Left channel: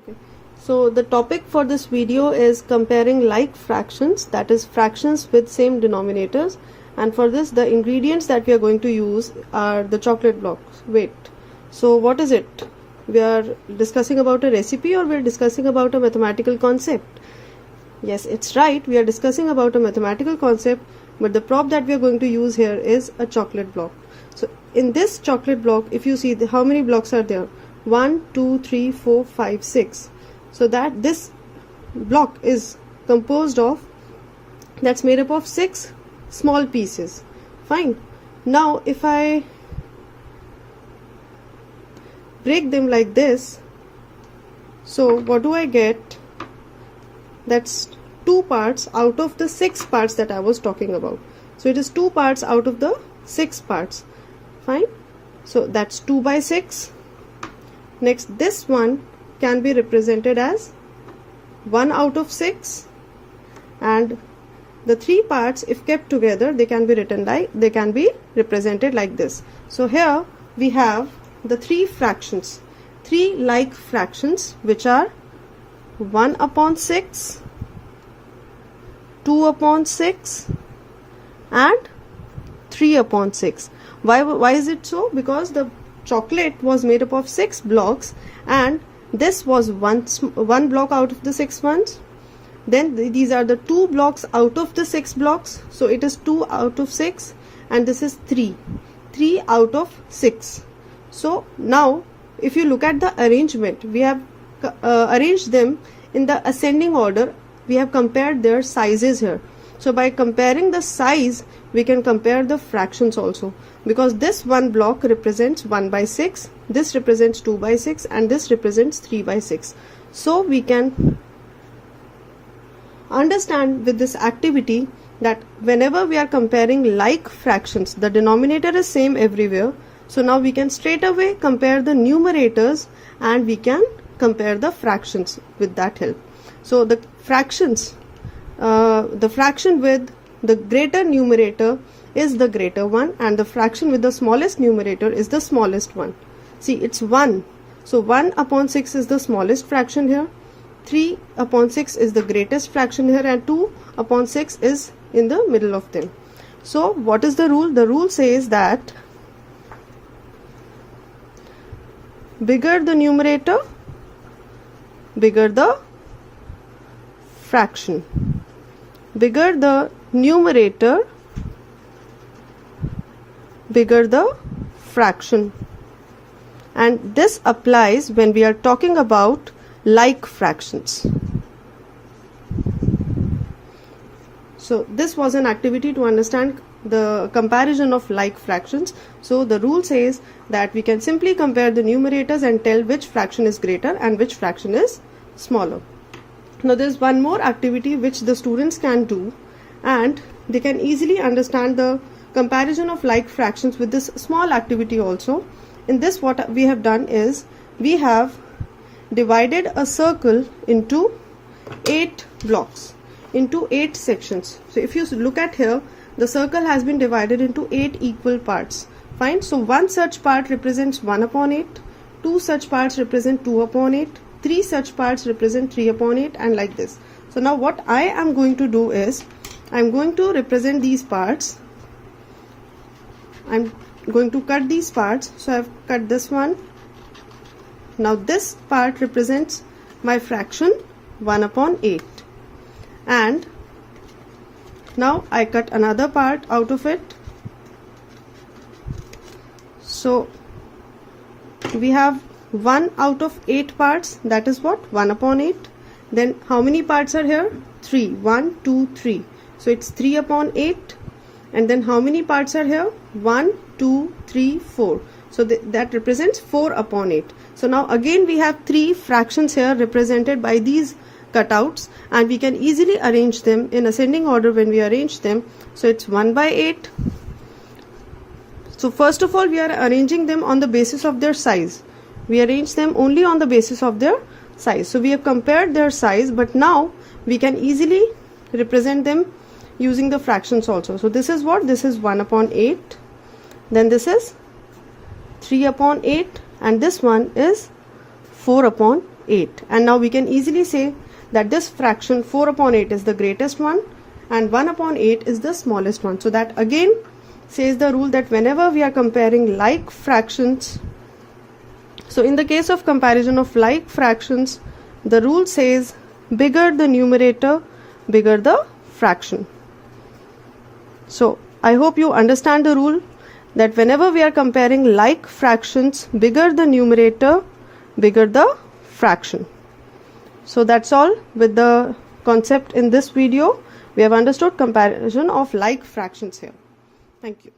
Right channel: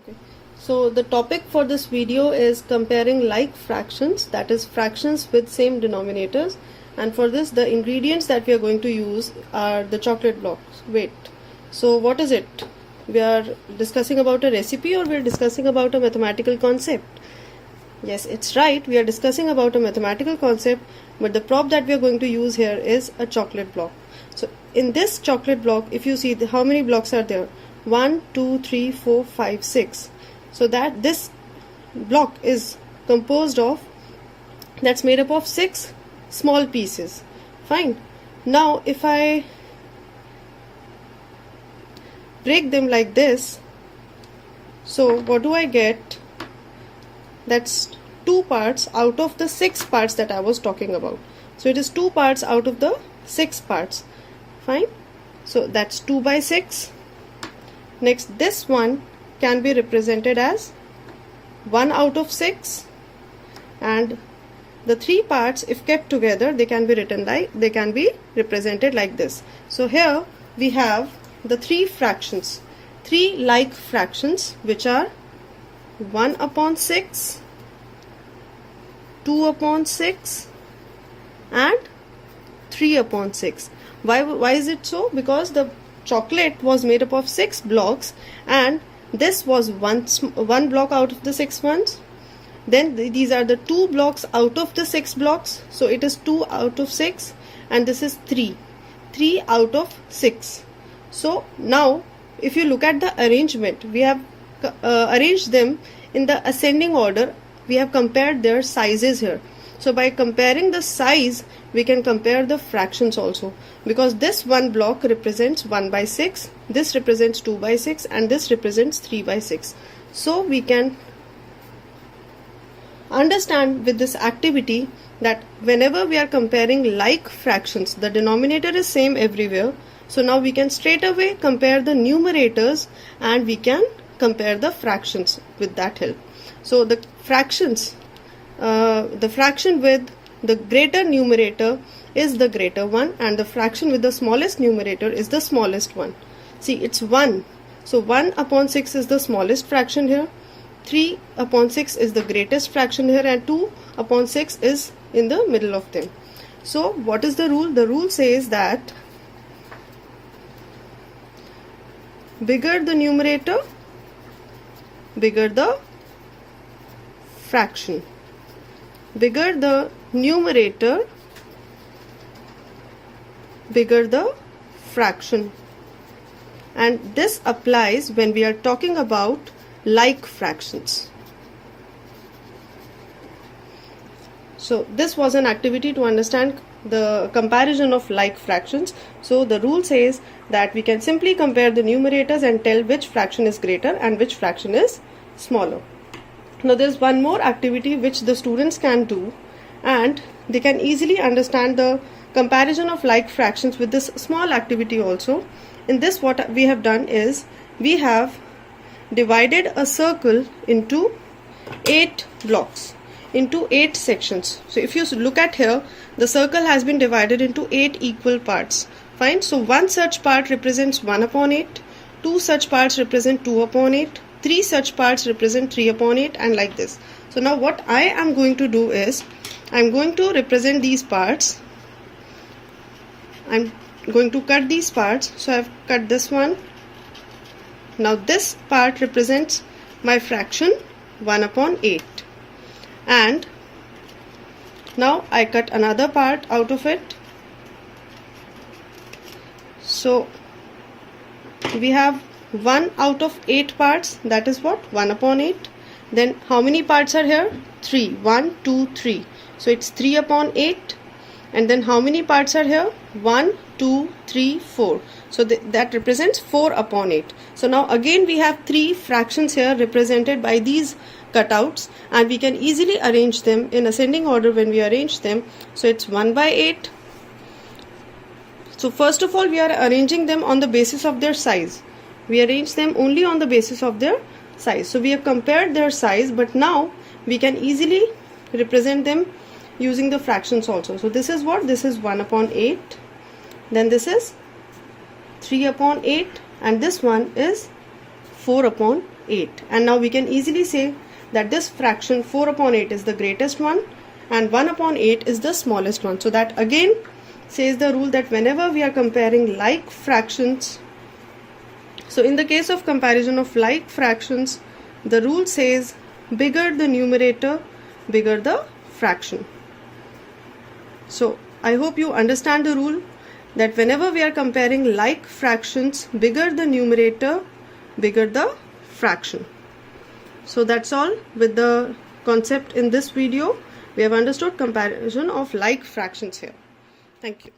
Okay. So the topic for this video is comparing like fractions, that is fractions with same denominators, and for this the ingredients that we are going to use are the chocolate blocks. Wait, so what is it? We are discussing about a recipe or we are discussing about a mathematical concept? Yes, it's right, we are discussing about a mathematical concept, but the prop that we are going to use here is a chocolate block. So in this chocolate block, if you see how many blocks are there? 1, 2, 3, 4, 5, 6. So that this block is composed of, that's made up of 6 small pieces. Fine. Now if I break them like this, so what do I get? That's 2 parts out of the 6 parts that I was talking about. So it is 2 parts out of the 6 parts. Fine. So that's 2 by 6. Next, this one can be represented as 1 out of 6, and the 3 parts, if kept together, they can be represented like this. So here we have the 3 fractions, 3 like fractions, which are 1 upon 6, 2 upon 6 and 3 upon 6. Why is it so? Because the chocolate was made up of 6 blocks and this was one block out of the 6 ones. Then these are the 2 blocks out of the 6 blocks, so it is 2 out of 6, and this is 3 out of 6. So now if you look at the arrangement, we have arranged them in the ascending order. We have compared their sizes here. So by comparing the size, we can compare the fractions also, because this one block represents 1 by 6, this represents 2 by 6, and this represents 3 by 6. So we can understand with this activity that whenever we are comparing like fractions, the denominator is same everywhere. So now we can straight away compare the numerators and we can compare the fractions with that help. So the fractions, the fraction with the greater numerator is the greater one, and the fraction with the smallest numerator is the smallest one. See, it's 1. So 1 upon 6 is the smallest fraction here, 3 upon 6 is the greatest fraction here, and 2 upon 6 is in the middle of them. So what is the rule? The rule says that bigger the numerator, bigger the fraction. Bigger the numerator, bigger the fraction. And this applies when we are talking about like fractions. So this was an activity to understand the comparison of like fractions. So the rule says that we can simply compare the numerators and tell which fraction is greater and which fraction is smaller. Now there is one more activity which the students can do, and they can easily understand the comparison of like fractions with this small activity also. In this, what we have done is we have divided a circle into 8 blocks, into 8 sections. So if you look at here, the circle has been divided into 8 equal parts. Fine. So one such part represents 1 upon 8, 2 such parts represent 2 upon 8, 3 such parts represent 3 upon 8, and like this. So now what I am going to do is, I am going to represent these parts. I am going to cut these parts. So I have cut this one. Now this part represents my fraction 1 upon 8. And now I cut another part out of it. So we have 1 out of 8 parts, that is what? 1 upon 8. Then how many parts are here? 3. 1, 2, 3. So it's 3 upon 8. And then how many parts are here? 1, 2, 3, 4. So that represents 4 upon 8. So now again we have 3 fractions here represented by these cutouts, and we can easily arrange them in ascending order when we arrange them. So it's 1 by 8. So first of all, we are arranging them on the basis of their size. We arrange them only on the basis of their size. So we have compared their size, but now we can easily represent them using the fractions also. So this is what? This is 1 upon 8. Then this is 3 upon 8, and this one is 4 upon 8. And now we can easily say that this fraction 4 upon 8 is the greatest one and 1 upon 8 is the smallest one. So that again says the rule that whenever we are comparing like fractions, so in the case of comparison of like fractions, the rule says bigger the numerator, bigger the fraction. So I hope you understand the rule that whenever we are comparing like fractions, bigger the numerator, bigger the fraction. So that's all with the concept in this video. We have understood comparison of like fractions here. Thank you.